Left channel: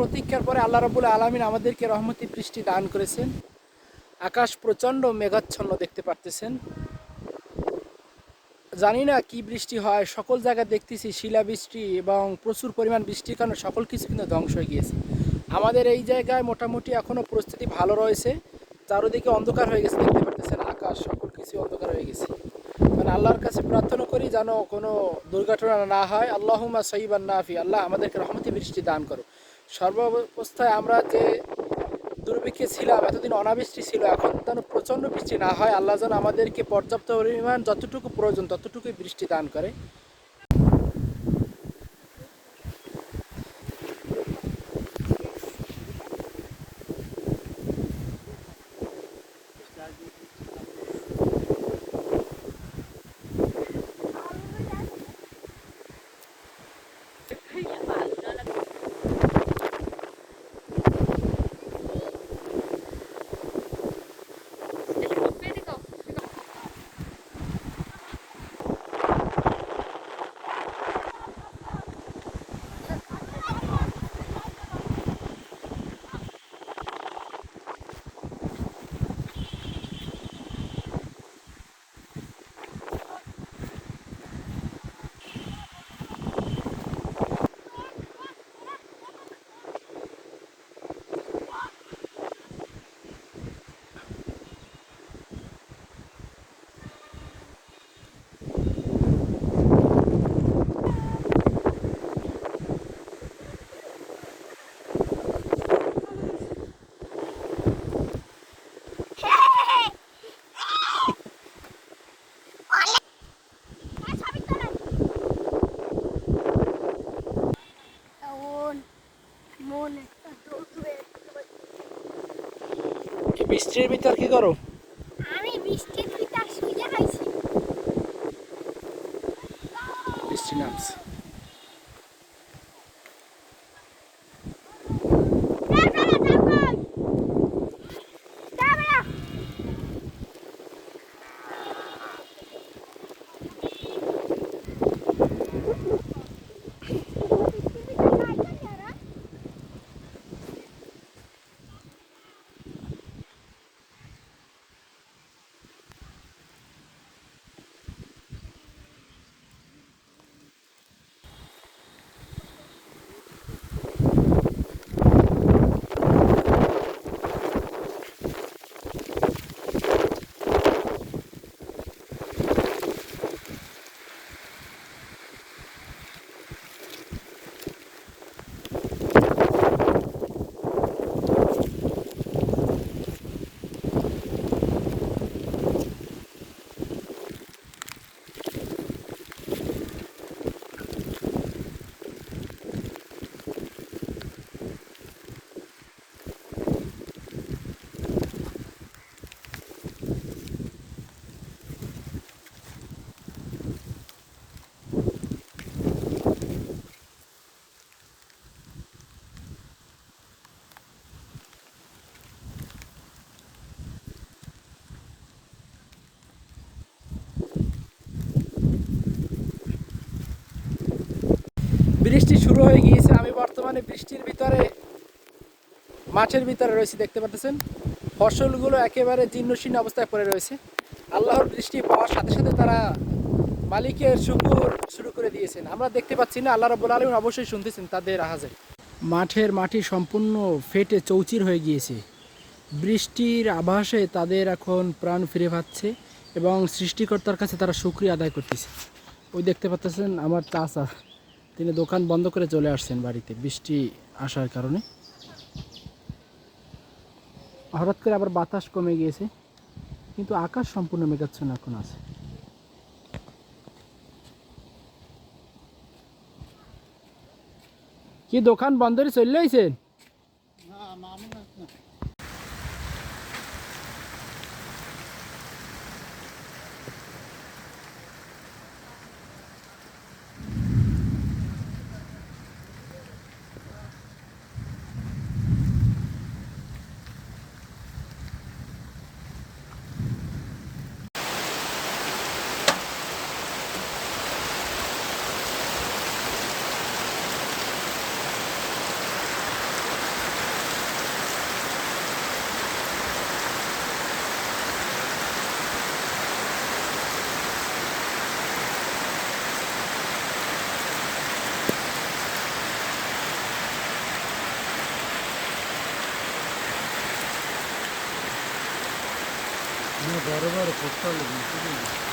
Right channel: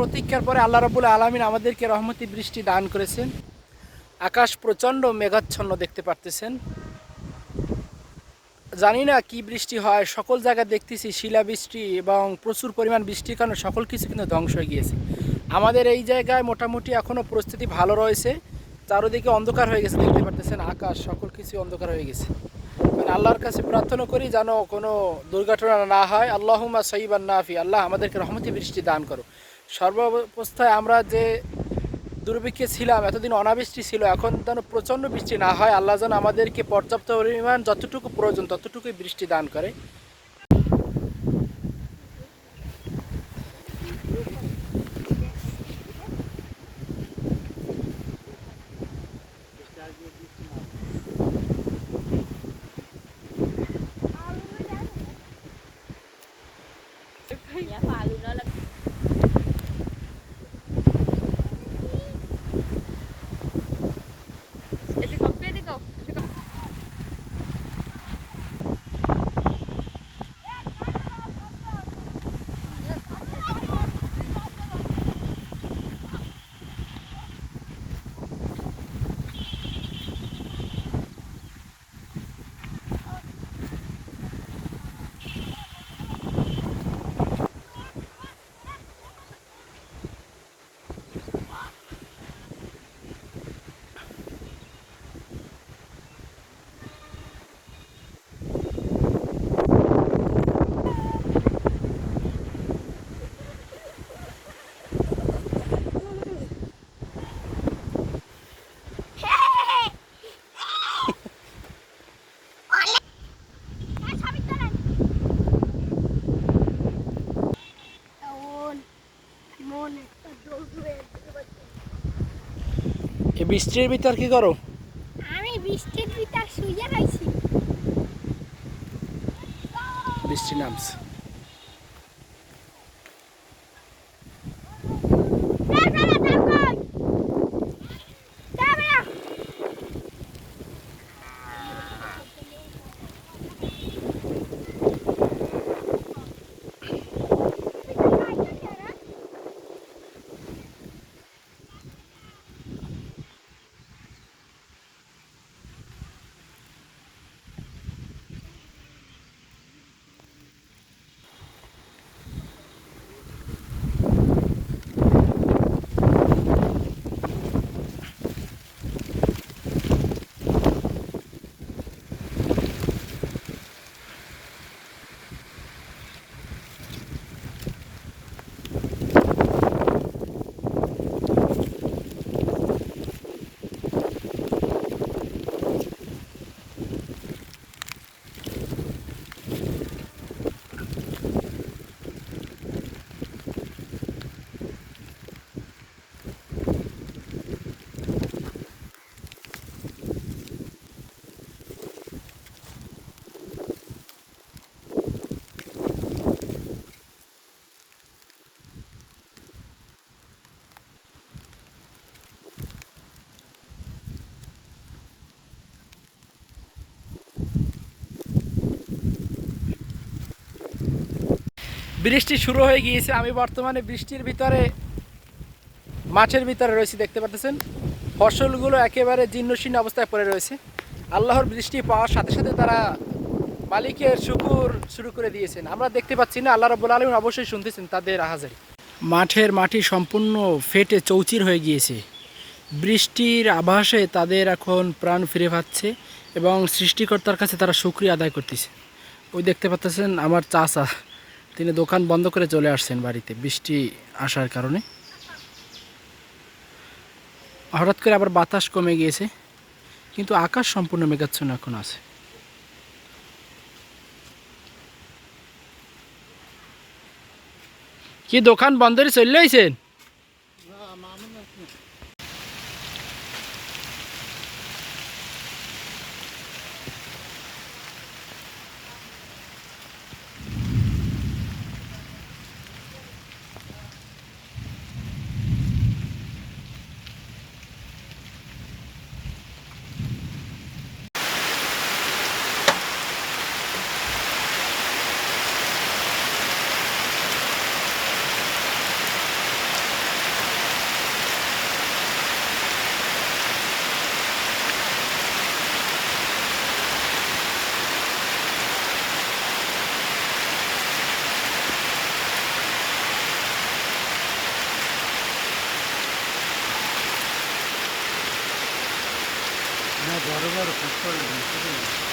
প্রতীক্ষার পরে আল্লাহ রাবুল আলমিন আমাদেরকে রহমতি বৃষ্টি দান করেছেন। আকাশ প্রচণ্ড মেঘাচ্ছন্ন দেখতে পারতেছেন। জানি না কি বৃষ্টি হয়, সকল জায়গায় দেখতেছি শিলাবৃষ্টি এবং প্রচুর পরিমাণ বৃষ্টির কারণে সকল কিছু কিন্তু ধ্বংস হয়ে গিয়েছে। আমাদের এই জায়গায় মোটামুটি এখনও পরিস্থিতি ভালো রয়েছে। চারোদিকে অন্ধকার হয়ে গেছে, দেখতে পারতেছেন আকাশ, সকল কিছু অন্ধকার হয়ে গেছে। মানে আল্লাহর কাছে প্রার্থনা করি যেন কোনো দুর্ঘটনা না হয়। আল্লাহুমা সঈবান নাফি, আল্লাহ আমাদেরকে রহমতি বৃষ্টি দান করো সর্বাবস্থায় আমরা যে দুর্ভিক্ষে ছিলাম, এতদিন অনাবৃষ্টি ছিল, এখন যেন প্রচণ্ড বৃষ্টি না হয়, আল্লাহ যেন আমাদেরকে পর্যাপ্ত পরিমাণ, যতটুকু প্রয়োজন, ততটুকুই বৃষ্টি দান করে। মন এই বৃষ্টির ভিতর কি করো? আমি বৃষ্টির ভিতর শুয়ে খাইছি। বৃষ্টি নামছে। বৃষ্টি শুরু হয়ে গিয়েছে। আমি বর্তমানে বৃষ্টির ভিতরে, মাঠের ভিতরে রয়েছি, দেখতে পাচ্ছেন ফসলগুলো একেবারে জীর্ণশীর্ণ অবস্থায় পড়ে রয়েছে। আল্লাহর বৃষ্টি পাওয়ার সাথে সাথে তারা মালিকের শুকুর শুরু করে দিয়েছেন। আমরা দেখতে পাচ্ছি না, আল্লাহ রব্বুল আলম অবশ্যই শুনতেছেন তাদের আহাজারি মাঠের মাটি সম্পূর্ণ ফেটে চৌচির হয়ে গিয়েছে। বৃষ্টির আভাসে তাদের এখন প্রাণ ফিরে পাচ্ছে এবং সৃষ্টিকর্তার কাছে তারা শুক্রিয়া আদায় করতেছে। ওই দেখতে পাচ্ছেন আমার চাচা। তিনি দোকান বন্ধ করে চলে আসছেন বাড়িতে, বৃষ্টি আসার কারণে। হঠাৎ করে আবার বাতাস কমে গিয়েছে, কিন্তু আকাশ সম্পূর্ণ মেঘাচ্ছন্ন এখন আছে। কি দোকান বন্ধ করে চলে আইছেন? Buna darı var, kurtlarla bir şey değil.